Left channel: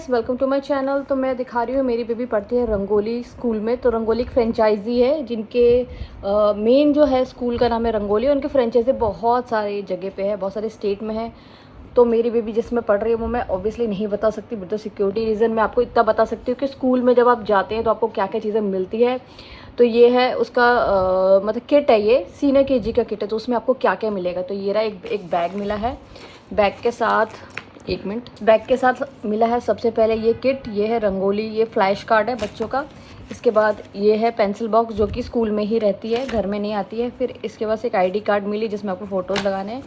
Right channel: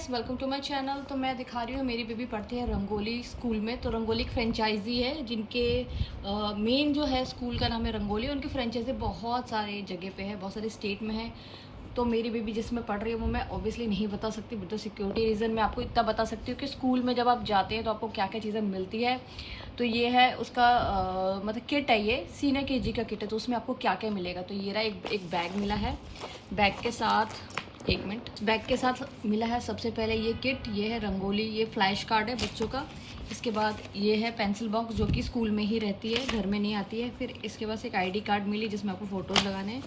Welcome to my channel. तो मैं दिखा रही हूँ, मेरी बेबी पढ़ती है रंगोली स्कूल में। तो रंगोली एक फ्रेंचाइजी है जिनके मेन जो है स्कूल का नाम है रंगोली। उनके फ्रेंचाइजी बहुत सारे जगह पे है, बहुत सारे स्टेट में है। तो मेरी बेबी जिसमें पढ़ रही है वो मैं ऑब्वियसली नहीं बता सकती, बट सिक्योरिटी रीज़न मैं आपको इतना बता सकती हूँ कि स्कूल में जब आप जाते हैं तो आपको क्या क्या चीज़ें मिलती है। तो ये है उसका मतलब किट है, ये सीनियर केजी का किट है। तो उसमें आपको क्या क्या मिलेगा, तो ये रहा एक बैग मिला है। बैग के साथ एक मिनट, बैग के साथ मिला है सबसे पहले ये किट, ये है रंगोली, ये फ्लैश कार्ड है बच्चों का। इसके बाद ये है पेंसिल बॉक्स जो कि स्कूल में ही रहती है, घर में नहीं आती है। फिर इसके बाद एक आईडी कार्ड मिली जिसमें आपको फ़ोटोज़ लगाने हैं।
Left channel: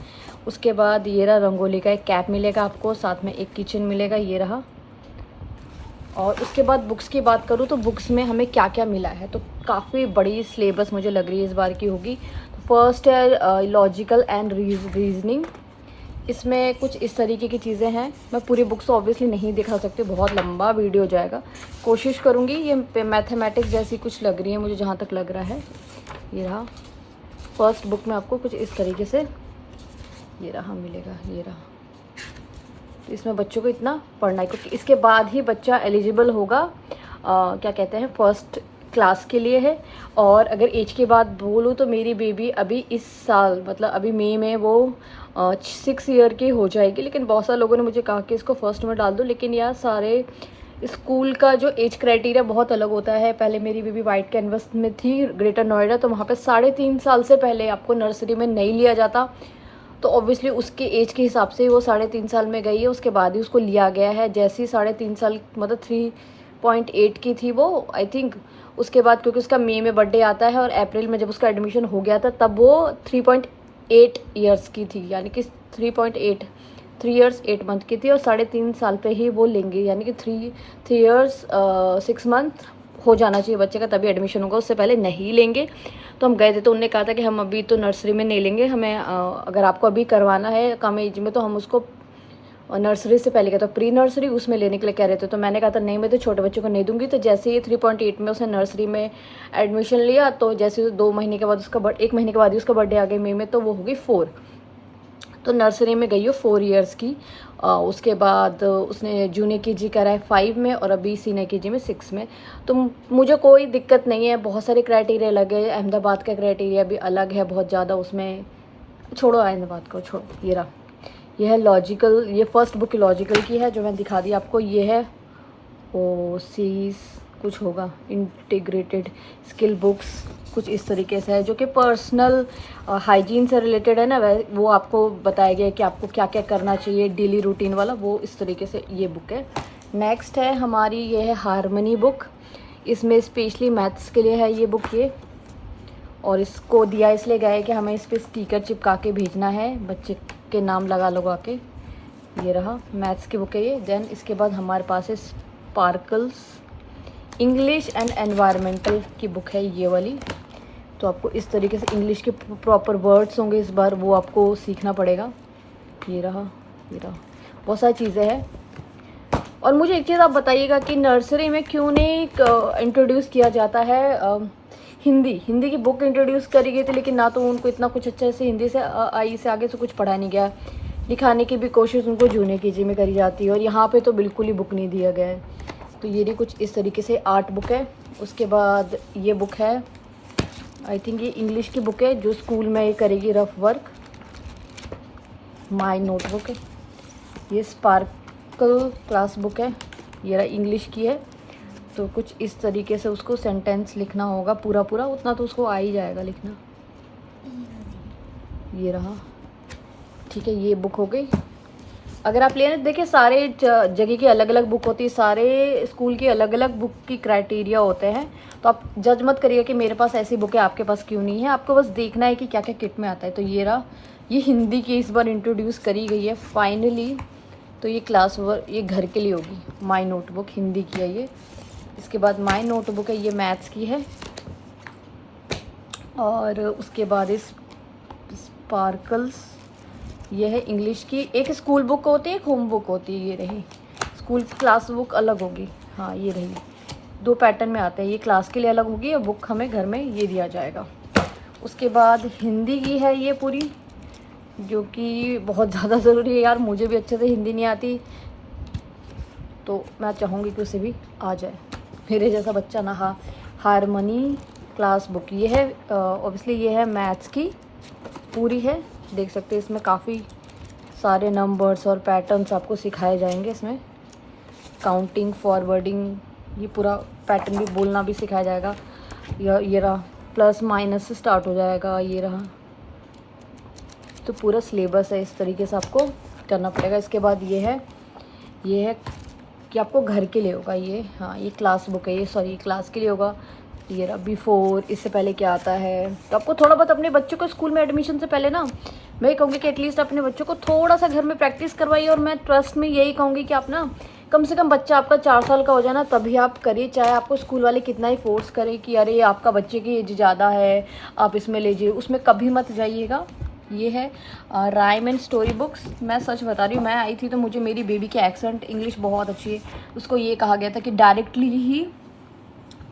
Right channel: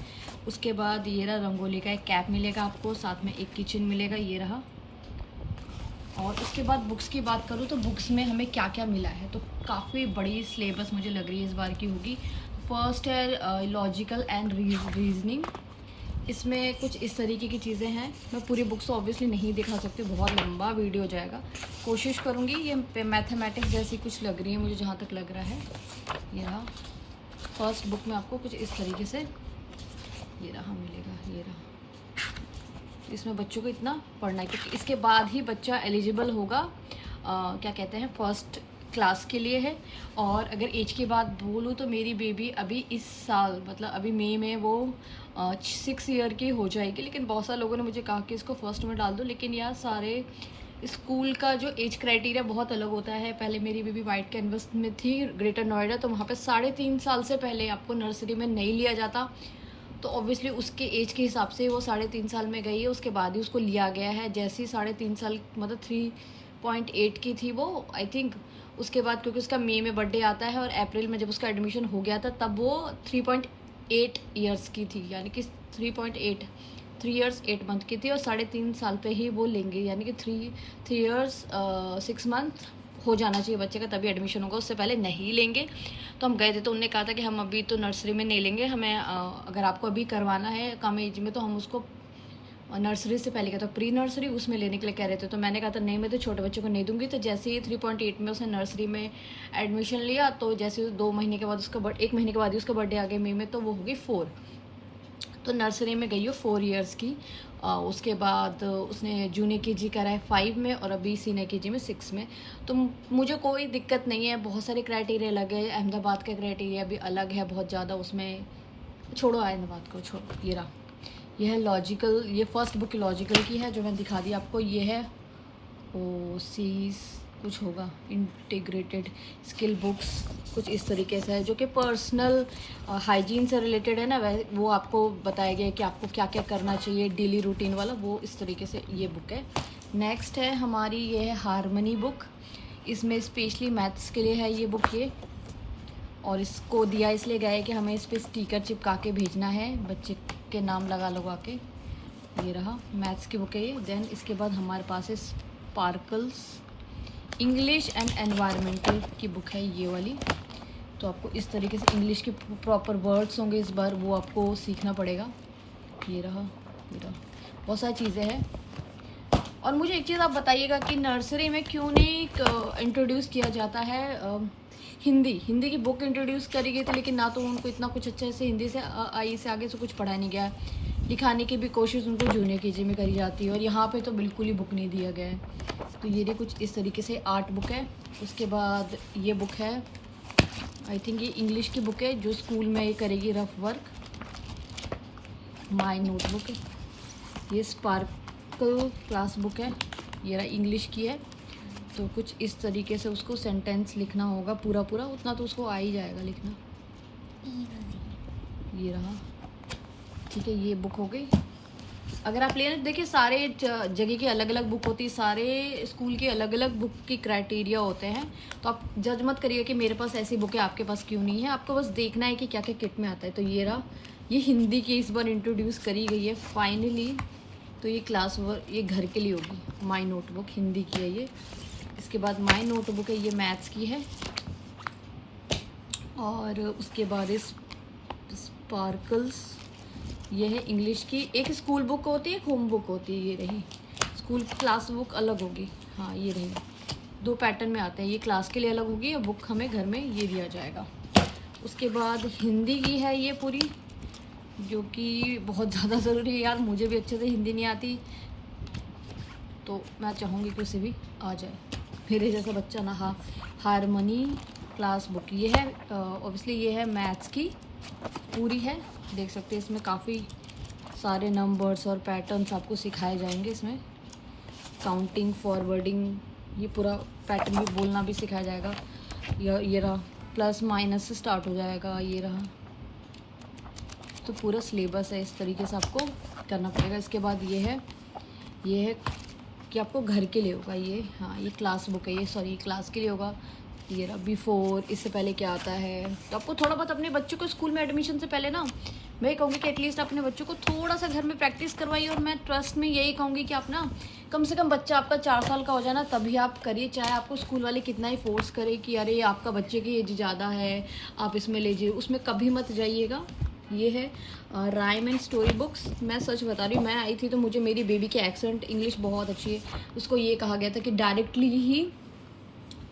उसके बाद ये रहा रंगोली का एक कैप मिलेगा आपको, साथ में एक किचन मिलेगा, ये रहा। और उसके बाद बुक्स की बात करूँ तो बुक्स में हमें क्या क्या मिला है, तो काफ़ी बड़ी सिलेबस मुझे लग रही है इस बार की होगी। फर्स्ट है लॉजिकल एंड रीजनिंग। इसमें कुछ इस तरीके की चीज़ें हैं। मैं पूरी बुक्स तो ऑब्वियसली नहीं दिखा सकती, बहुत लंबा वीडियो हो जाएगा। कोशिश करूँगी। ये मैथमेटिक्स जैसी कुछ लग रही है मुझे, जहाँ तक लग रहा है। ये रहा फर्स्ट बुक में आपको कुछ इस तरीके से ये रहा मिलेगा, ये रहा। इसमें बच्चों को इतना पढ़ना है क्योंकि इसके बाद ही बच्चा एलिजिबल होगा क्या कहते हैं फर्स्ट क्लास के लिए है। और अगर एज के बाद बोलूँ तो मेरी बेबी अभी इस साल मतलब अभी मई में वो 6 ईयर की हो जाएगी। लेकिन बहुत सारे लोगों ने मुझे कहा कि इसको फर्स्ट में डाल दो, लेकिन यार सारे स्कूल का जो एज क्राइटेरिया बहुत अलग होता है। पहले मेरी बेबी वाइट कैनवस में थी ग्रेटर नोएडा, तो वहाँ पे 3.5 साल से पहले आपको नर्सरी में नहीं लिया जाता। तो ऑब्वियसली उसके एज के हिसाब से वो 3.5 साल में गई है, उसके बाद ही उसको लिया गया है। जैसे ही 3.5 साल मतलब 3.8 की थी वो आई थिंक, उसके बाद क्योंकि उसका मई में बर्थडे आता है और अप्रैल में जब उसका एडमिशन हो गया था तब वो 3.8 ईयर्स की थी, यानी कि 3 ईयर्स 8 मंथ की थी। और 3.5 साल पे ही वो लेंगे, यानी कि 3 ईयर्स 6 मंथ हो जाना चाहिए बच्चे का, तभी एडमिशन होगा, उससे पहले नहीं लेंगे। तो हम गए थे तो उन्होंने कहा था कि हम अभी तो नर्सरी में नहीं लेंगे, हमें अगर आपको अभी करवाना है कम एज में तो हम उसको नर्सरी से पहले कहता प्री नर्सरी उसमें लेने के लिए कह रहे थे। तो मैंने कहा था नहीं, मैं तो छोटे बच्चों को नहीं दूंगी। तो जैसे ही 3.8 में उसने नर्सरी में एडमिशन लिया, तो जैसे 2 महीने के बाद उसका 1 महीने के बाद ही उसका बर्थडे आ गया मई में, तो वो हो गई 4। तो नर्सरी में गई हो 4 ईयर्स की। उसके बाद उसने जूनियर केजी करा है 5 में और अभी सीनियर केजी में 6 में। तो मुझे कोई दिक्कत नहीं है। बहुत सारे क्राइटेरिया अलग है, अहमदाबाद का क्राइटेरिया भी अलग है बहुत ज़्यादा उसमें। छोड़ो अहमदाबाद को, छोड़ो। ये रहा, ये है लॉजिकल, ये फर्स्ट बुक लॉजिकल की है जो मैं दिखा दी आपको। ये है ओ सी कुछ होगा, इंटीग्रेटेड स्किल बुक्स कुछ इस तरीके से है, जो कि पर्सनल हाइजीन से रिलेटेड है ना। वो आपको बताया गया है कि आपको क्या क्या करना चाहिए डेली रूटीन वाला, वो इस तरीके से ये बुक है। नेक्स्ट है हमारी, ये है हारमनी बुक। इसमें स्पेशली मैथ्स के लिए है ये बुक ये। और इसको दिया इसलिए गया है कि हमें इस पर स्टिकर चिपका के भेजना है, बच्चे के नाम लगा के। ये रहा मैथ्स की बुक है ये। देन इसके बाद हमारे पास है स्पार्कल्स इंग्लिश एंड एनवायरमेंटल की बुक है ये वाली। तो आपको इस तरीके से इंग्लिश के प्रॉपर वर्ड्स होंगे इस बार, वो आपको सीखना पड़ेगा। ये रहा, ये रहा, बहुत सारी चीज़ें हैं। और मुझे एक चीज़ आप बताइएगा कि नर्सरी में क्यों नहीं इंट्रोड्यूस किया जाता है हिंदी की बुक इंट्रोड्यूस करी गई थी, लेकिन ना तो उनको इतना कुछ अच्छे से हिंदी से आई से आगे से कुछ पढ़ाया नहीं गया। लिखाने की भी कोशिश उनको जूनियर केजी में करी जाती है, और यहाँ पे तो बिल्कुल ही बुक नहीं दिया गया है। तो ये भी कुछ इस तरीके से आर्ट बुक है। उसके बाद ये बुक है, आई थिंक ये इंग्लिश की बुक है जो स्कूल में करेगी रफ वर्क। माय नोटबुक है ये, स्पार्कल क्लास बुक है, ये रहा इंग्लिश की है। तो कुछ इस तरीके से उसको सेंटेंस लिखना होगा पूरा पूरा, उतना तो उसको आ ही जाएगा लिखना। ये रहा, ठीक है, ये बुक हो गई। अगर आप लेना, देखिए सारे जगह की अलग अलग बुक होती है, सारे स्कूल की अलग अलग बुक की क्राइटेरिया होते हैं। तो आप जज मत करिएगा कि मेरे पास ऐसी बुक है आपके पास क्यों नहीं है, आपको बस देखना है कि क्या क्या किट में आता है। तो ये रहा, ये हिंदी की इस बार इंट्रोड्यूस करी गई है फाइनली। तो ये क्लास वर्क, ये घर के लिए होगी। माई नोटबुक हिंदी की है ये। इसके बाद माई नोटबुक है, ये मैथ्स की है। और उसके बाद इस स्पार्कल्स, ये है इंग्लिश की। एक स्कूल बुक होती है, एक होम बुक होती है, ये रही। स्कूल की क्लास बुक अलग होगी, हाँ ये रही। 2 पैटर्न में आते हैं, ये क्लास के लिए अलग होगी और बुक हमें घर में ये दिया जाएगा। उसके बाद हिंदी की है ये पूरी, जो कि बहुत ज़्यादा ज़रूरी है यार, मुझे भी अच्छे से हिंदी नहीं आती। तो मैं चाहूँगी कि उसे भी आ जाए मेरे जैसा बच्चा ना। हारमनी क्लास बुक ये है, ऑब्वियसली ये है मैथ्स की पूरी है। देख सकते हैं इसमें काफ़ी सारे नंबर्स और पैटर्न्स आपको सिखाए जाएंगे। इसमें काउंटिंग, फॉरवर्डिंग, ये पूरा पैटर्न भी बोलना भी सिखाया जाएगा। ये रहा, प्लस माइनस से स्टार्ट हो जाएगा, ये रहा। तो पूरा सिलेबस है, इस तरीके से आपको करना पड़ेगा। इसके बाद ये है कि आपको घर के लिए होगा ये, हाँ ये क्लास बुक है, ये सॉरी क्लास के लिए होगा। ये रहा बिफोर, इससे पहले क्या आता है। तो आपको थोड़ा बहुत अपने बच्चों को स्कूल में एडमिशन से पहले ना, मैं कहूँगी कि एटलीस्ट अपने बच्चों को थोड़ा सा घर में प्रैक्टिस करवाइए। और मैं ट्रस्ट में यही कहूँगी कि आप ना कम से कम बच्चा आपका 4 साल का हो जाए ना, तभी आप करिए। चाहे आपको स्कूल वाले कितना ही फोर्स करें कि अरे आपका बच्चे की एज ज़्यादा है, आप इसमें लीजिए, उसमें कभी मत जाइएगा। ये है राइम एंड स्टोरी बुक्स। मैं सच बता रही हूँ, मैं आई थी तो मुझे मेरी बेबी की एक्सेंट इंग्लिश बहुत अच्छी है। उसको ये कहा गया था कि डायरेक्टली ही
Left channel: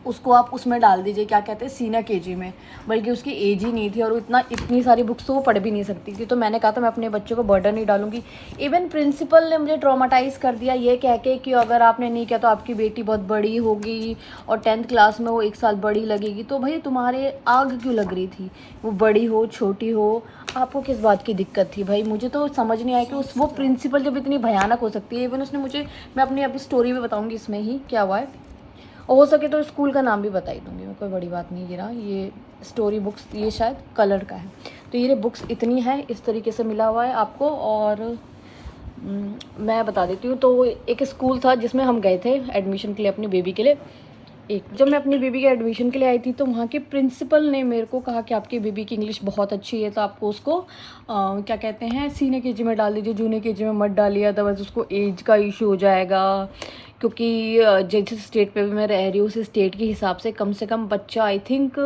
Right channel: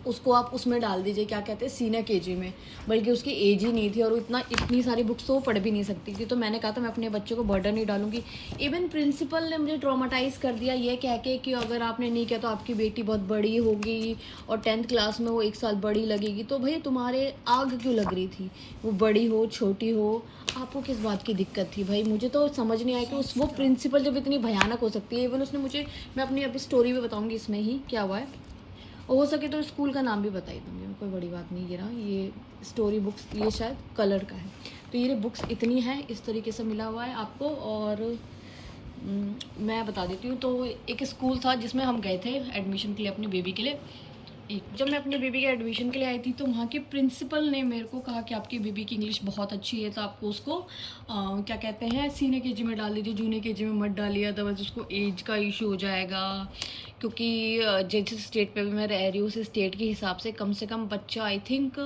उसको आप उसमें डाल दीजिए, क्या कहते हैं, सीनियर केजी में, बल्कि उसकी एज ही नहीं थी और इतनी सारी बुक्स तो वो पढ़ भी नहीं सकती थी। तो मैंने कहा था मैं अपने बच्चों को बर्डन नहीं डालूंगी। इवन प्रिंसिपल ने मुझे ट्रॉमाटाइज़ कर दिया ये कह के कि अगर आपने नहीं किया तो आपकी बेटी बहुत बड़ी होगी और 10th क्लास में वो 1 साल बड़ी लगेगी। तो भाई तुम्हारे आग क्यों लग रही थी, वो बड़ी हो छोटी हो, आपको किस बात की दिक्कत थी भाई? मुझे तो समझ नहीं आया कि वो प्रिंसिपल जब इतनी भयानक हो सकती है। इवन उसने मुझे, मैं अपनी अभी स्टोरी में बताऊँगी इसमें ही क्या हुआ है, हो सके तो स्कूल का नाम भी बता ही दूँगी मैं, कोई बड़ी बात नहीं। ये स्टोरी बुक्स, ये शायद कलर का है। तो ये बुक्स इतनी है, इस तरीके से मिला हुआ है आपको। और मैं बता देती हूँ। तो एक स्कूल था जिसमें हम गए थे एडमिशन के लिए अपनी बेबी के लिए। जब मैं अपनी बेबी के एडमिशन के लिए आई थी तो वहाँ के प्रिंसिपल ने मेरे को कहा कि आपकी बेबी की इंग्लिश बहुत अच्छी है, तो आपको उसको क्या कहते हैं, सीनियर केजी में डाल दीजिए, जूनियर केजी में मत डालिए, अदरवाइज़ उसको एज का इशू हो जाएगा। क्योंकि जिस स्टेट पे भी मैं रह रही हूँ उस स्टेट के हिसाब से कम बच्चा आई थिंक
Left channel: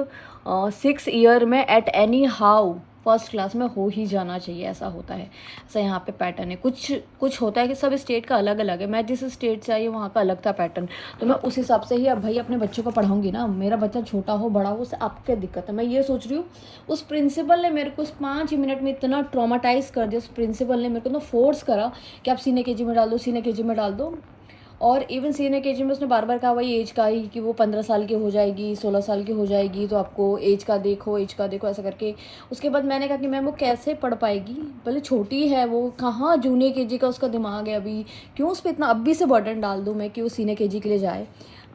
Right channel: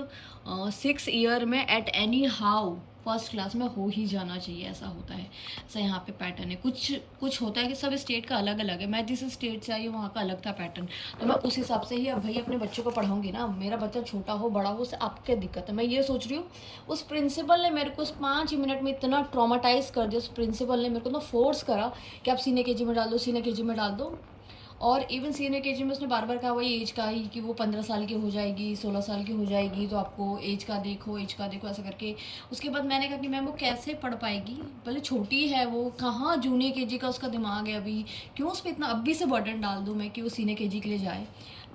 6 ईयर में at any how first class में हो ही जाना चाहिए, ऐसा होता है। ऐसा यहाँ पे पैटर्न है। कुछ होता है कि सब स्टेट का अलग अलग है। मैं जिस स्टेट से आई हूँ वहाँ का अलग था पैटर्न, तो मैं उस हिसाब से ही अब भाई अपने बच्चे को पढ़ाऊँगी ना। मेरा बच्चा छोटा हो बड़ा हो, उससे आपको क्या दिक्कत है? मैं ये सोच रही हूँ, उस प्रिंसिपल ने मेरे को उस 5 ही मिनट में इतना ट्रॉमाटाइज़ कर दिया। उस प्रिंसिपल ने मेरे को ना फोर्स करा कि आप सीनियर केजी में डाल दो, सीनियर केजी में डाल दो। और इवन सीनियर केजी में उसने बार बार कहा वही एज का ही, कि वो 15 साल की हो जाएगी, 16 साल की हो जाएगी, तो आपको एज का देखो ऐसा करके। उसके बाद मैंने कहा कि मैम वो कैसे पढ़ पाएगी, भले छोटी है वो, कहाँ जूनियर केजी का उसका दिमाग है अभी, क्यों उस पर इतना अभी से बर्डन डाल दूँ मैं कि वो सीनियर केजी के लिए जाए।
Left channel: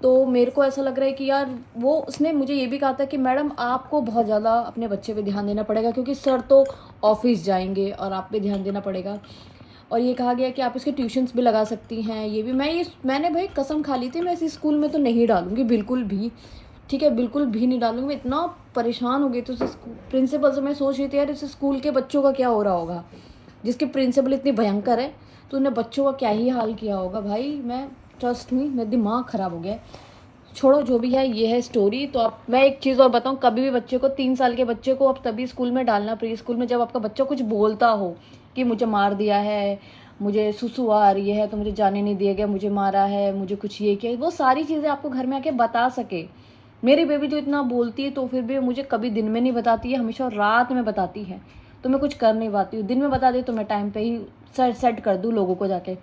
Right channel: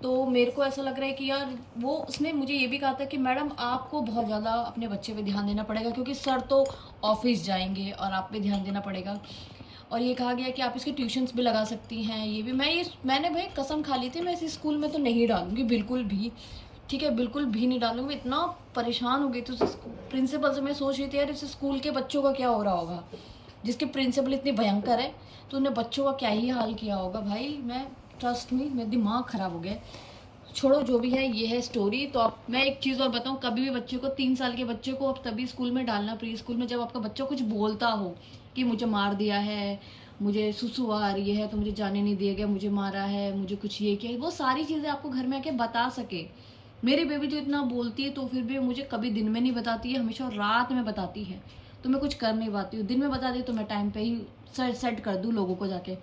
तो मेरे को ऐसा लग रहा है कि यार वो, उसने मुझे ये भी कहा था कि मैडम आपको बहुत ज़्यादा अपने बच्चे पे ध्यान देना पड़ेगा, क्योंकि सर तो ऑफिस जाएंगे और आप पे ध्यान देना पड़ेगा। और ये कहा गया कि आप इसके ट्यूशन्स भी लगा सकती हैं। ये भी मैंने भाई कसम खा ली थी, मैं इस स्कूल में तो नहीं डालूंगी बिल्कुल भी, ठीक है, बिल्कुल भी नहीं डालूंगी। मैं इतना परेशान हो गई थी उस प्रिंसिपल से। मैं सोच रही थी यार इस स्कूल के बच्चों का क्या हो रहा होगा, जिसके प्रिंसिपल इतनी भयंकर है, तो उन्हें बच्चों का क्या ही हाल किया होगा भाई। मैं ट्रस्ट में मेरा दिमाग ख़राब हो गया। छोड़ो जो भी है, ये है स्टोरी। तो आप, मैं एक चीज़ और बताऊं, कभी भी बच्चे को 3 साल के बच्चे को अब तभी स्कूल में डालना, प्री स्कूल में, जब आपका बच्चा कुछ बोलता हो कि मुझे मार दिया है, मुझे सुसु आ रही है तो मुझे जाने नहीं दिया गया, मुझे मारा है, मुझे कुछ ये किया, वो सारी चीज़ें आपको घर में आके बता सके। मेरी बेबी जो इतना बोलती है तो फिर भी मुझे कभी दिन में नहीं बताती है, हमेशा रात में बताती है। तो मैं कुछ कर नहीं पाती हूँ। दिन में बता दी तो मैं टाइम पे ही सेट कर दूँ लोगों को जाके।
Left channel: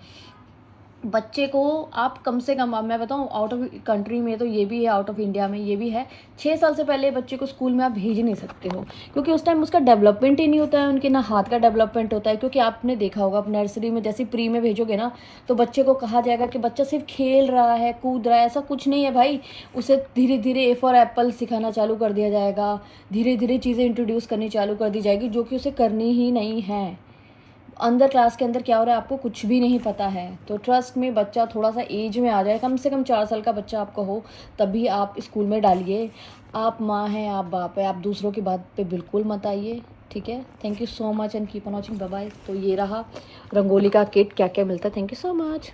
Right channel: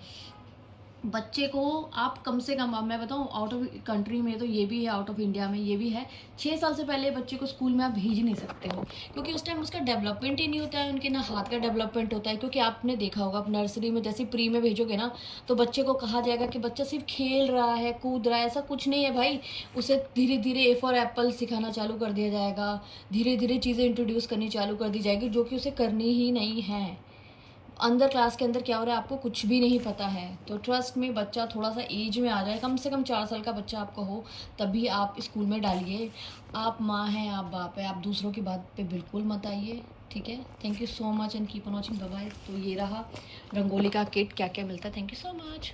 बच्चे को आप कम से कम, अब मैं बताऊँ आउट ऑफ कंट्री में तो ये भी है, आउट ऑफ इंडिया में ये भी है, 6 साल से पहले बच्चे को स्कूल में आप भेज नहीं सकते हो, क्योंकि उस टाइम उसका डेवलपमेंट ही नहीं होता है, उनके ना हाथ का डेवलपमेंट होता है। क्योंकि आपने देखा होगा, आप नर्सरी में जैसे प्री में भेजोगे ना, तो बच्चे को कहा जाएगा कि बच्चा सिर्फ खेल रहा है, कूद रहा है, ऐसा कुछ नहीं है भाई। उसे धीरे धीरे ए फॉर एप्पल सिखाना चालू कर दिया जाएगा, धीरे धीरे चीज़ें इंट्रोड्यूस करनी चालू कर दी जाएगी, जो कि उसे करनी ही नहीं है। अंदर क्लास के अंदर क्या हो रहा है आपको कुछ भी नहीं पता है। तो ट्रस्ट में बच्चा थोड़ा सा एज में आ जाए, कम से कम 4 साल का बच्चा आपका हो, तभी आप स्कूल में डालिए। आप माँ हैं, आप बाप है, आप दूसरों की बात पे बिल्कुल मत आइए, ठीक है। Thank you so much and keep on watching, bye bye. तो ये रहा रंगोली का किट, क्या क्या मिलता है। Thank you so much.